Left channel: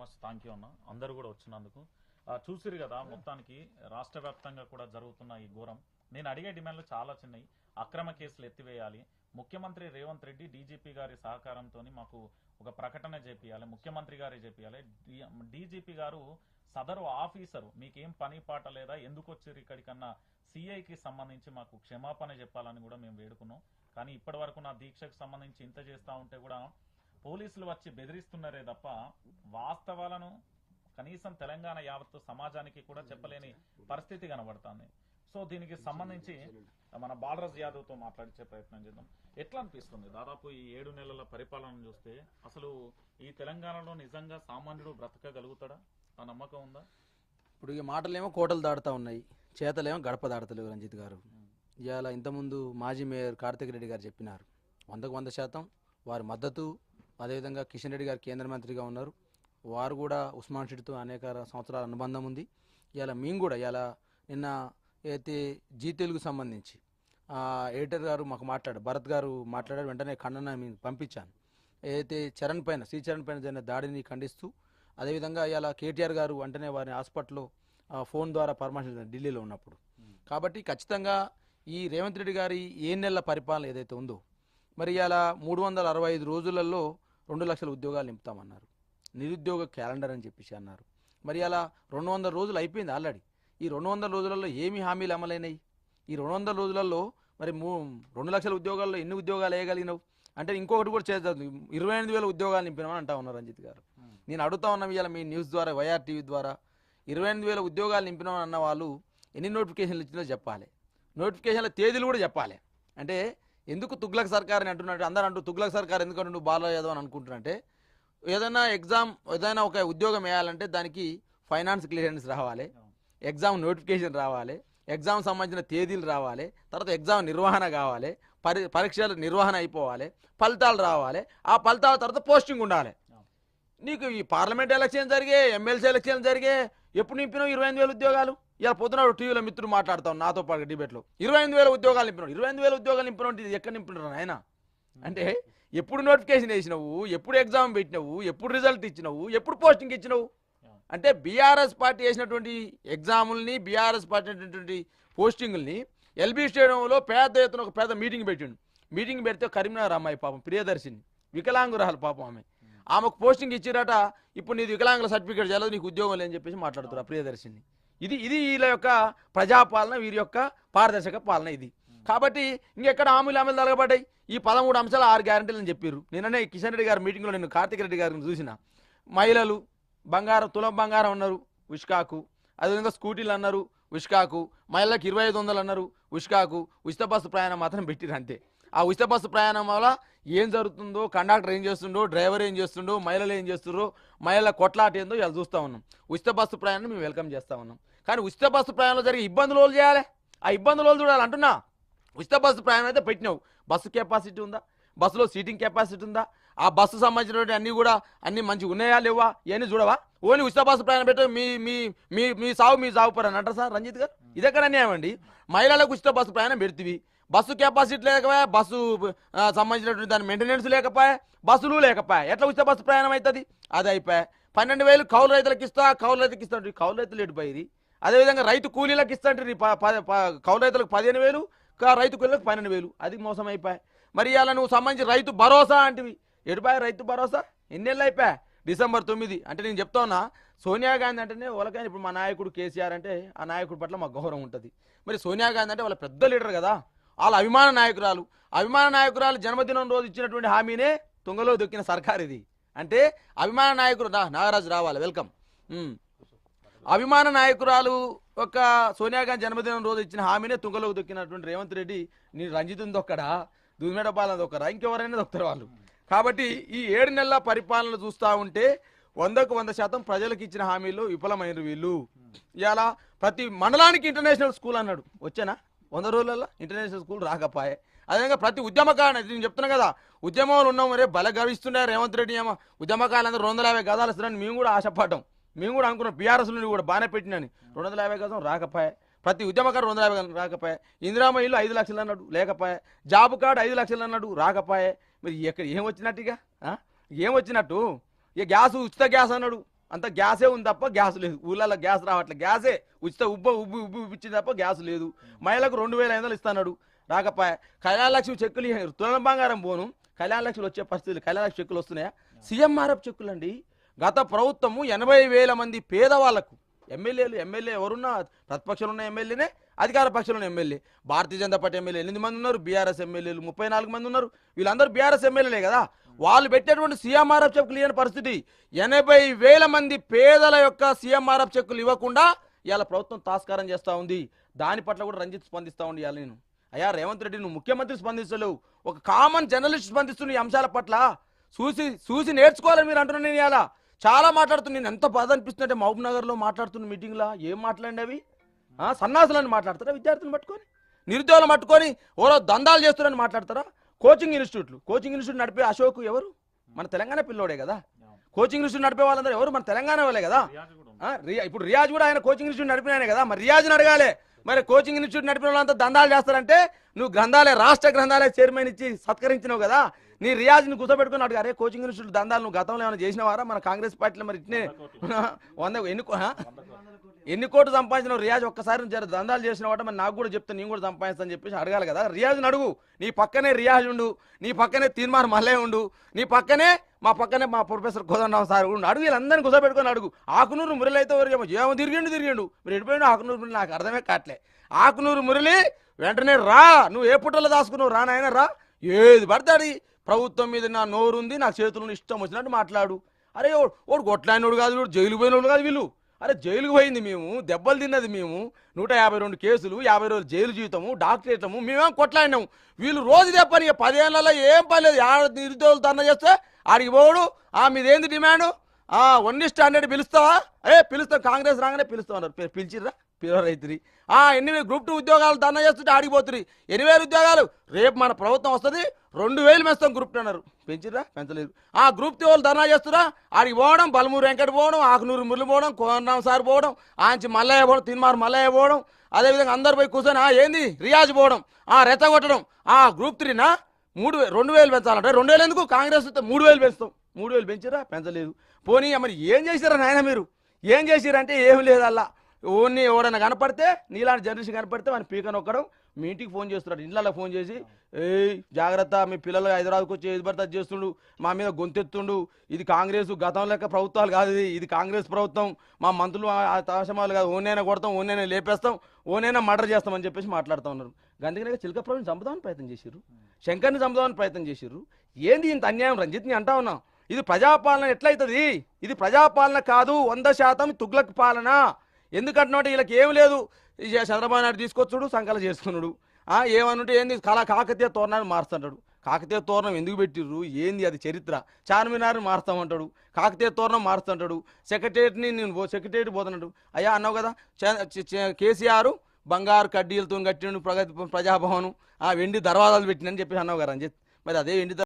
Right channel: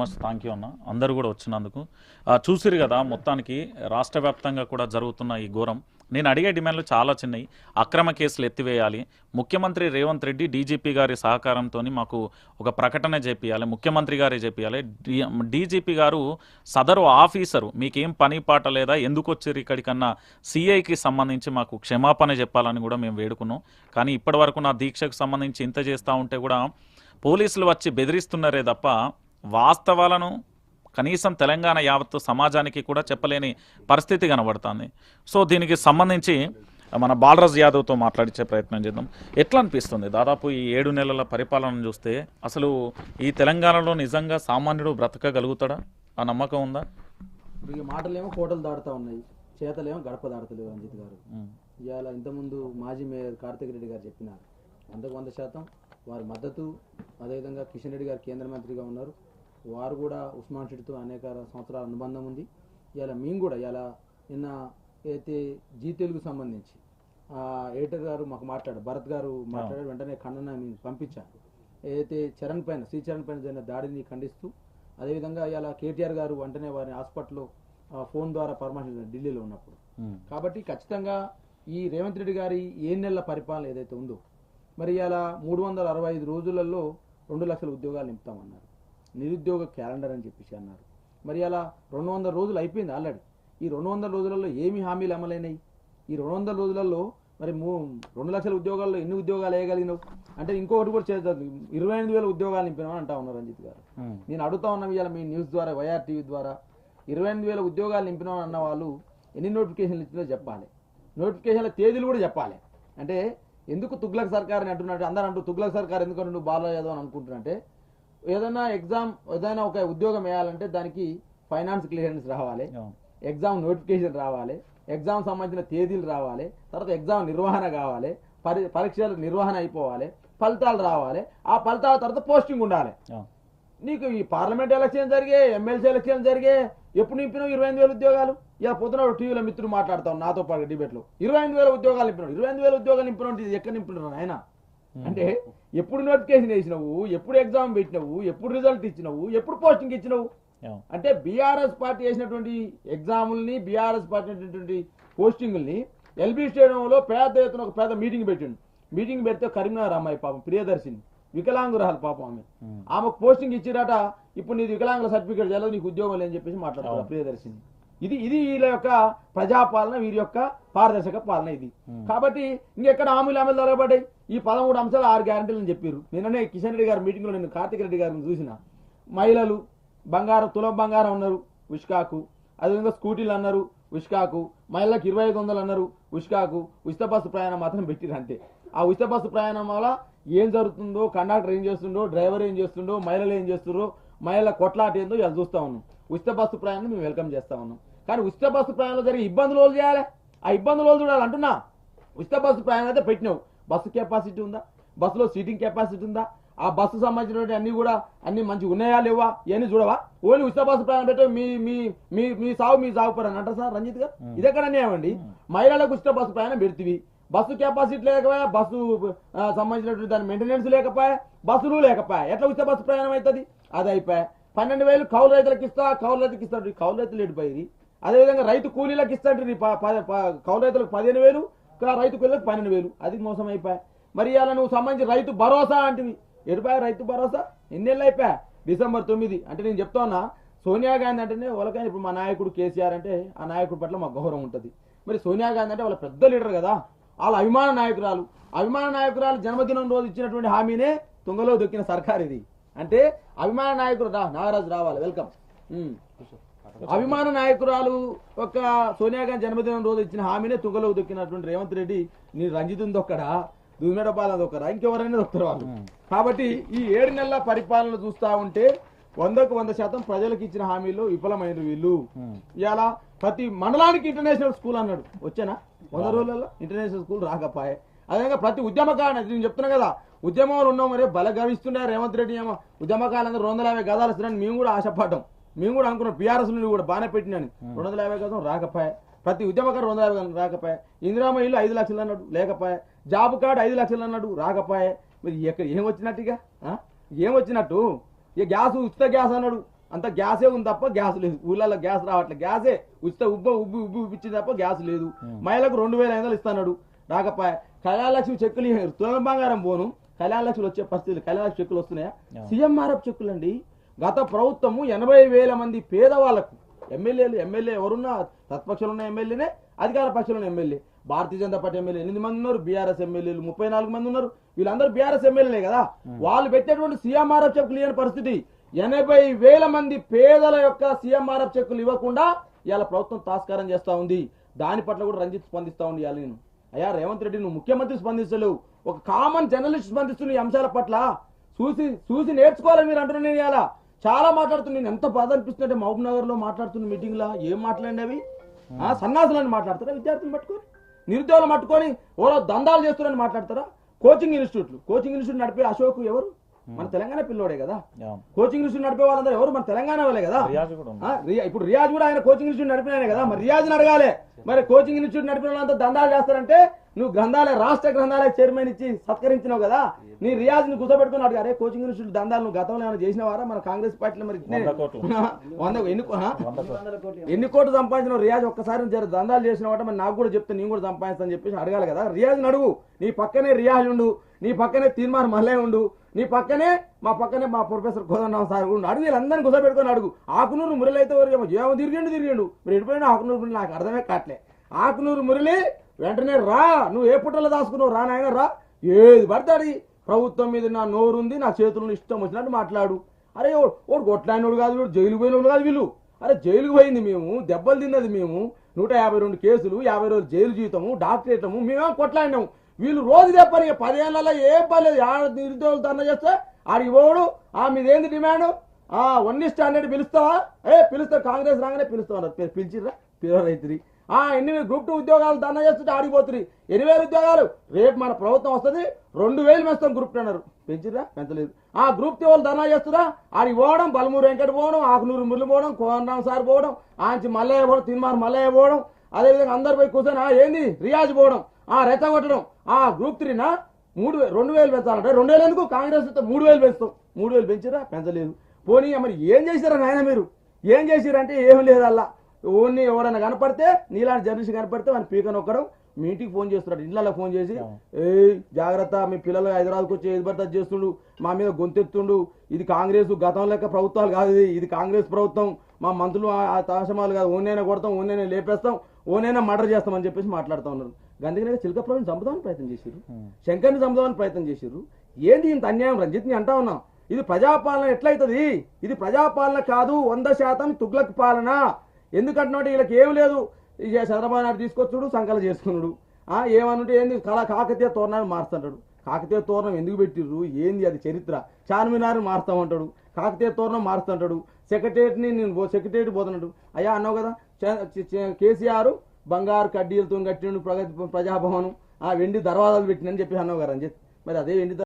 Much thank you అన్న. అందరూ కూడా వచ్చినందుకు. చూసిరు కదా మొత్తానికి రాష్ట్ర వ్యాప్తంగా కూడా జరుగుతున్న ఈ ఘోరం. నేను అడిగే డిమాండ్లు చాలా చిన్నవి అక్రమ కేసులు ఎత్తివేయాలి. ముఖ్యమంత్రి రేవంత్ రెడ్డి డీజీపీ గారి సహకారంతో మాకు ఒక ప్రకటన చేపియాలి. ముఖ్యమంత్రి గారే చేపియాలి. డీజీపీ గారు సదరు ఆఫీసరు. మీకేం పని పాట లేదా? ఎందుకు వచ్చారు ఇక్కడికన్నా? సిఐకి సంబంధించి మాకు క్షమాపణ చెప్పాలని కూడా మేము వేడుకున్నాం. కానీ ఇప్పటివరకు నా దీక్షకు సంబంధించి ఇంత చేస్తూ ఉంటే కూడా పోలీసులు వచ్చి బెదిరిస్తున్నారే తప్ప వాస్తవాలను కనీసం తెలంగాణ యావత్తు సమాజానికి కూడా చెప్పలేని పరిస్థితి కనబడుతుంది. సో దీనికి సంబంధించి మన బాలరాజ్ యాదవ్తో మాట్లాడించే ప్రయత్నం చేద్దాం. ఎట్లా అనిపిస్తుంది? దాదాపు ఈ ఏడు నెలల పరిపాలన చూస్తే అసలు ఈ తెలంగాణలో నిజంగా సామాన్యుడు బ్రతకగలుగుతాడా? ఆ నమ్మకం ఉందా? ఇప్పుడు ఈ మాటలేమో కోటలు దాడుతూ ఉన్నాయి. చేతలేమో గడప దాడతలేవు రంజిత్ గారు. ఇవాళ ఇంతకుముందు మాజీ మేయర్ కార్తిక్ రెడ్డి గారు చెప్పినారు. వందకు వంద శాతం వారి మద్దతు అదేవిధంగా కిషన్ రెడ్డి గారు కేంద్ర మంత్రిగా ఉన్నారు. వారు కూడా ఉస్మాన్ షెడ్తో అనేక సంవత్సరాల అనుబంధం ఉంది. ఇవాళ మేము కూడా ఇవాళ నిన్న అయితే జీ తెలుగు సంబంధించి ఎడిటర్ గారు మాకు మాట్లాడారు భరత్ గారు మాట్లాడారు వెంటనే ఖండన పంపించాను. ఏదైతే చరణ్ పైన శ్రీ చరణ్ పైన జరిగిన దాడిని ఖండిస్తూ అదేవిధంగా ఇవాళ కేటీఆర్ గారు వెంటనే వారిని హాస్పిటల్లో ఫోన్ ద్వారా పరామర్శించారు ఢిల్లీలో ఉన్నప్పుడు. కాబట్టి ఖచ్చితంగా ఈ రేవంత్ రెడ్డి గారి ఏ నెలల పరిపాలన ఏదైతే ఉందో మరి ఇలా మూడు వందల అరవై ఐదు రోజులలో రెండు లక్షల ఉద్యోగాలు నింపుతామన్నారు. నిరుద్యోగ క్యాలెండర్ అని చెప్పేసి అన్నారు. మరి అలా రెండు వందల రోజులు అయిపోయింది ఆల్రెడీ. ఈ రెండు వందల రోజులలో ఏమి హామీలు అమలైనాయి? ఈ రెండు వందల రోజులలో మరి మూ రెండు లక్షల ఉద్యోగాల్లో ఎన్ని ఉద్యోగాలు వేయగలిగినావు? అంటే ఇంకొకటి కూడా చేస్తారు ఇరవై ఎనిమిది వేల ఉద్యోగాలు నింపినామని అంటా ఉన్నారు రంజిత్ గారు. నేను అడుగుతా ఉన్నాం ఇవాళ మీ న్యూస్ ద్వారా వైఆర్ టీవీ ద్వారా ఇరవై ఎనిమిది వేల ఉద్యోగాలు నింపినాం అన్న వాళ్ళు ఎన్ని నోటిఫికేషన్లు ఇచ్చినా చెప్పాలి. నోటిఫికేషన్ల తేదీలు కూడా చెప్పాలి. అంటే ఎందుకు తుగ్లక్ సర్కార్ అని అంటున్నట్టు అందరూ అంటూ తుగ్లక్ సర్కార్ ఎందుకు అంటుండు బాలా యాదవ్ అని అనుకుంటున్నట్టే ఏదైనా ఎగ్జామ్ ఏదైనా ఒక ఉద్యోగం వేయాలంటే దానికి ఫైనాన్స్ క్లియరెన్స్ రావాలి. ఎగ్జామ్ నోటిఫికేషన్ రావాలి. ఎగ్జామ్ సంబంధించిన తేదీలు రావాలి. తర్వాత ఎగ్జామ్ నిర్వహణ కావాలి. పరి పరీక్షల నిర్వహణ అయిపోవాలి. ఫలితాలు రావాలి. ఆ ఫలితాల తర్వాత పోస్టింగ్ ఉండాలి. నీకు ఈ పార్లమెంట్ ఎలక్షన్ జరిగే ఎమ్మెల్సీ ఎలక్షన్ జరిగే ఎప్పుడు నింపినావు ఇరవై ఎనిమిది వేల ఉద్యోగాలు? ఇలా పొద్దున టీవీలో మిత్రులు మాట్లాడతాం నాతో పాటు డిబేట్లో. ఇరవై ఎనిమిది వేల ఉద్యోగాలు నింపినావు ఇరవై ఎనిమిది వేల ఉద్యోగాలు ఇది ఎక్కడ నింపినారు ఆయన అంటే ఎప్పుడు నోటిఫికేషన్ వేసినావు ఎప్పుడు ఎగ్జామ్ పెట్టినావు ఎప్పుడు రిజల్ట్ ఇచ్చినావు ఎప్పుడు పోస్టింగ్ ఇచ్చినావు. అంటే బీఆర్ఎస్ పార్టీ వేసినటువంటి ఎగ్జాముల్ని బీఆర్ఎస్ పార్టీ అయినటువంటి పోస్టింగుల్ని ఎల్బీ స్టేడియంలో పెద్ద ఎత్తున ఒక పెద్ద మీటింగ్ పెట్టిండు. మీటింగ్ పెడితే కరీంనగర్ అమ్మాయి పాపం ప్రియదర్శిని వికలాంగురాలు పాపం ఆమె ఆమెకు పోస్టింగ్ ఇచ్చిరట ఇప్పుడు నీది వికలాంగుల సర్టిఫికేట్ చేయలేదు నీకు ఉద్యోగం లేని చెప్పేసి మాట్లాడుతున్నారు అవును. ప్రియదర్శిని. ఇది ఇది వీళ్ళ యొక్క ప్రజాపాలన వీరి యొక్క పారదర్శక పాలన ఇది. కాబట్టి ఇంకెక్కడ హామీలు అమలు జరగబడ్డాయి? ఈ పదమూడు అంశాలు ఆరు గ్యారంటీలు అని చెప్పారు నిన్ననే కిషన్ రెడ్డి గారి మీటింగ్లో నేను కార్తిక్ రెడ్డి గారిని చూసిన. మహిళలు బంగారం తులం బంగారం అన్నారు ఉష్కాకు. అదేవిధంగా స్కూటీలు అన్నారు ఉష్కాకు. మహిళలకు ఇరవై ఐదు వందలు అన్నారు ఉష్కాకు. ఉచిత బస్సు ప్రయాణం మాత్రం పెట్టిరు అంతే. ఆ ఉచిత బస్సు ప్రయాణం వల్ల ఏం జరుగుతుందో కండక్టర్ ఏం చేస్తుండో డ్రైవర్ ఏం చేస్తుండో మహిళలు ఏం చేస్తుండ్రో మహిళల కొట్లాట ఏందో ఇలా చూస్తా ఉన్నాం. ఉచిత బస్సు ప్రయాణం మేము వెల్కమ్ చేస్తా ఉన్నాం. కానీ ఉచిత బస్సు ప్రయాణంలో జరిగే ఇబ్బందులు వాళ్ళు చేయాలి? ఆ ఇబ్బందులు వాళ్ళు చూడాలి అంటున్నా? ఉచిత బస్సు ప్రయాణం అయితే పెట్టినావు. బస్సు కెపాసిటీ ఉందా? బస్సులో సీటింగ్ కెపాసిటీ ఉందా? ఆ బస్సు సంబంధించినటువంటి అన్ని కూడా అన్ని మంచిగా ఉన్నాయా లేవా? ఇవన్నీ చూడవా? ఓన్లీ ఉచిత బస్సు ప్రయాణం పెట్టే మీ మీ మీ మీ సాగు మీ సాగు పని అంటారు సార్ రంజిత్ గారు? ఇది ఎక్కడ అన్యాయం అండి? మహిళలకు ఉచిత బస్సు ప్రయాణం పెడుతుంది బస్సు కెపాసిటీ లేకపోయా? బస్సు సంబంధించినటువంటి దాని మెయింటెనెన్స్ లేకపోయా? బస్సులు లేకపోయా? ఎట్లా ఉచిత బస్సు ప్రయాణం అవుతుంది? అది అయిపోయా. పన్నెండు వేలు కౌలు రైతులకు ఇస్తా కౌలు రైతులకు ఇస్తాడు కౌలు రైతులు ఎడిపోయి అదేవిధంగా రైతు కూలీలకు ఇస్తాంటే కౌలు రైతులకు పదిహేను వేలు కా- రైతు కూలీలకు పన్నెండు వేలు. అది మోసం అయిపోయా మరి ఇలా నువ్వు సంబంధించి రైతు భరోసా అంటివి. ఎడిపోయా రైతు భరోసా? ఎన్నేళ్ళు అయిపోయా? డిసెంబర్ తొమ్మిది. అంటే నేను చెప్తా ఉన్నా సోనియా గాంధీ అంటేనే వాళ్ళకైనా ఇప్పుడు మా నాయకుడు కేసీఆర్ అంటే ఆ నాయకుడి పట్ల మాకు గౌరవం ఉంటుంది. మరి సోనియా గాంధీ అంటే వాళ్ళ పెద్ద లీడర్ కదా. వాళ్ళ అభిమాన నాయకురాలు. అభిమాన నాయకురాలు జన్మదినం రోజు ఇచ్చినటువంటి హామీనే తుంగలో దొక్కిన సర్కార్ ఇది. అంటే అభిమాన నాయకుడు రా నాగరాజు రావాలి. వెల్కమ్. అభిమాన నాయకురాలు ఒక సోనియా గాంధీ జన్మదినం రోజు ఇచ్చిన హామీనే తుంగలో దొక్కినటువంటి రేవంత్ రెడ్డి నీ రంజిత్ దొక్కడా దుమ్మెడ పాలన దొక్కరా ఇంకెవరైనా దొక్కరు వాళ్ళు. కాబట్టి ఈ ఏడు నెలల పరిపాలన చూస్తా ఉంటే వందకు వంద శాతం ప్రజలకు ఇచ్చిన హామీలు విఫలమైన వీళ్ళు. ఇవాళ ప్రతి మండలానికి ఇంటర్నేషనల్ స్కూల్ అన్నాడు. వచ్చానా? వంద రోజులలో ఇంటర్నేషనల్ స్కూల్ రాకపోయే. అదేవిధంగా ప్రతి ఉద్యమకారుడు నేను చెప్తున్నా కదా ఉద్యమంలో ఉన్నాం మరే బల గవిస్తుండే రేవంత్ రెడ్డి ఏమో. ఉద్యమకారులందరూ రెండు వందల యాభై గదాలు మేము కూడా ఆశపడ్డాం. మేము కూడా అనుకున్నాం బీఆర్ఎస్ నుండి కూడా బాగానే పెట్టినని. రెండు వందల యాభై గదం రాకపోయే. ప్రతి ఉద్యమకారు రెండు వందల యాభై గదం రాకపోయే. ఇందిరామ ఇల్లు ఐదు లక్షలు అన్నాడు లేకపోయే. జాబ్ కార్డు ఐదు లక్షలు అన్నాడు రాకపోయే. మరి ఎక్కడ ఏం వచ్చినట్టు ఇక? ఆ? ఏం వచ్చినట్టు? ఇక గ్యాస్ ఉచిత గ్యాస్ అన్నాడు. అంత గ్యాసే ఉంది తప్ప గ్యాస్ లేదు. ఊళ్ళలో గ్యాస్ రావట్లేదు గ్యాసే ఉచిత ఉబ్బ ఉబ్బి ఉబ్బి ఉబ్బిచ్చింది తప్ప గ్యాస్ లేదు. మహిళలకు రెండు వేల ఐదు వందలు ఇస్తున్నాడు. రాకపోయా. కళ్యాణ లక్ష్మి చెక్కులు ఇయ్యరు. తులం బంగారం పోను. కళ్యాణ లక్ష్మి వచ్చే పరిస్థితి కళ్యాణ లక్ష్మి చెక్కులు వస్తున్నాయా? సీఎంఆర్ఎఫ్ చెక్కులు అండి గత ప్రభుత్వము ఎనభై వేల మంది పేదవాళ్ళకు ఎమ్మెల్యేలు ఎమ్మెల్యే ఎవరున్నా ప్రతిపక్షంలో ఉన్న ఎమ్మెల్యేనే అధికార పక్షంలో ఉన్న MLA. Bharatiya Janata Party MLA ఎనిమిది మంది ఉన్నారు బీఆర్ఎస్ ఎమ్మెల్యేలు ముప్పై నాలుగు మంది ఉన్నారు. వీళ్ళందరూ బీఆర్ఎస్ ఎమ్మెల్యేలే కదా. వాళ్ళు పెట్టేటువంటి సీఎంఆర్ఎఫ్ చెక్కులు ఇవ్వని పరిస్థితి. ఎనభై వేల మంది పేదల యొక్క సీఎంఆర్ఎఫ్ చెక్కులు ఇవ్వకుండా ఇవాళ ప్రభుత్వం తాస్కారం చేస్తా ఉంది. దాని పట్ల కూడా రంజిత్ స్పందిస్తా ఉండి ఇవాళ నేను. అయ్యా రేవంత్ రెడ్డి నువ్వు ముఖ్యమంత్రి స్పందిస్తలేవు. ఒక కామన్ జర్నలిస్ట్ స్పందిస్తున్న ఈ అంశాల పట్ల. చూసి చూసి నేర్చుకోవాలని మీరు అంటున్నాను నేను ఇలా చాలా మాట్లాడుతున్నా. నేను ఎంత బాధ అనిపిస్తుందంటే మహబూబ్ నగర్లో మాట్లాడుతున్న మీటింగ్లో ఏం మాట్లాడినవి? అవి ఆ, సన్నాసులని మాట్లాడతారా? విద్యార్థులను పట్టుకొని? నిరుద్యోగులు పట్టుకొని ఓరో దందాలు చేస్తున్నారని మాట్లాడతారా? కోచింగ్ ఇన్స్టిట్యూట్లు. కోచింగ్ ఇన్స్టిట్యూట్ నడిపే అశోక్ ఎవరు? మన తెలంగాణ పిల్లోడే కదా. కోచింగ్ ఇన్స్టిట్యూట్ నడిపే వాళ్ళందరూ ఎవరు? మన తెలంగాణ వాళ్ళే కదా. రియాజ్ ఇప్పుడు రియాజ్ కూడా ఆయన కోచింగ్ ఇన్స్టిట్యూట్ నడిపిన కదా. మరి రియాజ్ని అడగాలి. మరి కోచింగ్ ఇన్స్టిట్యూట్ నడిపిన వాళ్ళంతా దందాలు చేస్తారంటే నువ్వు గ్రంథాలయ రాష్ట్ర గ్రంథాలయ చైర్మన్ ఇచ్చి సత్కరించినావు కదా? నీ రియాజ్ని కూర్చోబెట్టుకుని అడిగా అరే కోచింగ్ ఇన్స్టిట్యూట్ దందాలు నువ్వు గతంలో ఏమైనా చేసినవారా? మన కాంగ్రెస్ పార్టీలో మరి ఇట్నే వంద కోట్లు. ఎన్ని కోట్లు. ఎన్ని కోట్లు సంపాదించిన రియాజ్? ఒక్కసారి దందాలు చేసిన వాట మరి నాకు కూడా చెప్తే నేను కూడా సంపాదిస్తాను చెప్పేసి అడగాలి కదా? రియాజ్ని అడుగు. నీ పక్కనే రియాజ్ ఉండు. నీ పక్కనే తీర్మార్ మల్లే ఉండు. నీ పక్కనే మా పక్కనే మా ప్రొఫెసర్ కోదండరావు సార్ కూడా ఉండు. అడుగు వీళ్ళందరినీ కుదపెట్టుకొని అడుగు. ఆకునూరు మురళి అయితే వరకు ఏమో? ఏమో తిరిగిండు తిరిగిండు. మీరు ఎడిపోయినా ఆకునూరు మురళి నాకు అర్థమే కావట్లే. ఆకునూరు మురళి వెంటనే రా నువ్వు ఏ పుట్టలో దాచుకున్నావు? రా నాయన రా. ఏది పడతాడు ప్రభుత్వం మీద నా నోరు ఉంది నా చేతులను ఇష్టం వచ్చినట్టు మాట్లాడు. అరే వాడు ఓడు కొట్లాడినోడు కాదు వాడు జైలుకు పోయినోడు కాదు వీళ్ళు. అరే జైలుకు పోయింది మేము దెబ్బలు తిన్నది మేము. నూట యాభై రెండు కేసులు యాభై రోజులు జైలు జీవితము డాక్టరేటము మేమేం కొట్లాడినాము వీళ్ళు రోజు పని పదిహేనులలో ఏం పని లేదు. నిరుద్యోగులు ధర్నా చేస్తే ఆడికి పోడు. ఆ మీదేంది డిమాండ్? ఆ వన్ ఇస్ట్ హండ్రెడ్ పిలుస్తావా? ఏ పిలుస్తావు కాంగ్రెస్ రాగానే పిలుస్తావు? అన్నారు పిలిచిర్రా? పిలవరైతురి ఆ ఎన్ని గ్రూప్ టూ ఉద్యోగాలు దండం చేస్తుంటే ఆడిపోతుంది ఎన్ని వేలు ఉద్యోగాలు? రేపు మన ప్రభుత్వం వస్తుంది రెండు వేలు మేస్తాం గ్రూప్ టూ అన్నారు. పెంచలేదు. ఆ గ్రూప్ టూ వాళ్ళు ధర్నా చేస్తురా ఆడికి పోవడం బలమూరు వెంకట పోవడం ఆకునూరు మురళి పోవడం కోరణం సార్ పోవడం ఆంచి మల్లయ్య పోవడం తిన్మారు మల్లయ్య పోవడం అదేవిధంగా అందరు పోయి కూర్చొని ఆ ఏంది? రియాజ్ పోవడం ఆ రెచ్చగొట్టడం ఆ గ్రూప్ త్రీనా మూడు వేలు రెండు వేలు పెంచాలంటే రెండు వేలు ఎందుకు? కాంగ్రెస్ వస్తే మూడు వేలు పెంచుతాం. మూడు వేలు పెంచిరా పెంచలేదు. పోనీ మరి ఏం చేసిరా నాయన మీరు? ఏం చేసిరంటే ఏమి లేదల్లా. ఓన్ని ఎవడన్నా కనపడితే నీలాంటి జర్నలిస్ట్ కనపడితే వాని పీక నొక్కడం మీ ఇంటికి ఫోన్ చేస్తున్నాడు ఇళ్ళలో ఫోన్ చేసి ఏయ్ జాగ్రత్త మీ పిల్లలు హైదరాబాద్కి వచ్చి ఏది చేస్తుండు మా మీద గొంతెత్తుండు. ఇది కాంగ్రెస్ గతం లెక్క ప్రభుత్వాలు కాదు ఇది. ఇది కాంగ్రెస్ ప్రభుత్వం. మా మంత్రులు ఆ తాశమాలు కాదు. ఓనైనా కొడతాం ఓనైనా లేపేస్తాం ఓనైనా మర్డర్ చేస్తామని చెప్పేసి మాట్లాడుతూ ఉన్నారు. అందుకనే చిలకపురం చంపుదామని ప్రయత్నం చేశారు. శంకర్ని చంపుదామని ప్రయత్నం చేశారు. ఏంది ఇంత అన్యాయం? రంజిత్ని అంటా ఉన్నాం. ఇది ప్రజాపాలన ఎట్లయితది? ఇది ప్రజాపాలన కాదు వంద శాతం తుగ్లక్ పాలన. ఎందుకంటున్నాడు? వీళ్ళకి ఏం లేదు. ఈ చంద్రబాబు నాయుడు తీసుకొచ్చుడు సంకల చేసుకున్నాడు. ఆ ఏమనుంటే ఏంది? కళా కాకతీయ తోరణాన్ని మారుస్తుంటాడు. కాకతీయ తోరణం ఎందుకు పెట్టిర్రు? ఏంది అది చరిత్ర? చార్మినార్ని మారుస్తామంటాడు. కాకతీయ తోరణం మారుస్తుంటాడు. సెక్రటరీని నేను పో- పోతున్నాడు. అయ్యా అన్నావు కదా? కేసీఆర్ బంగారు కడ్డీలతో కట్టిండు ప్రగతి ప్రజాభవనం. ఆ వెండి దర్వాజాలు పెట్టినని చెప్పి అన్నావు కదా రంజిత్. మరి అదే వెండి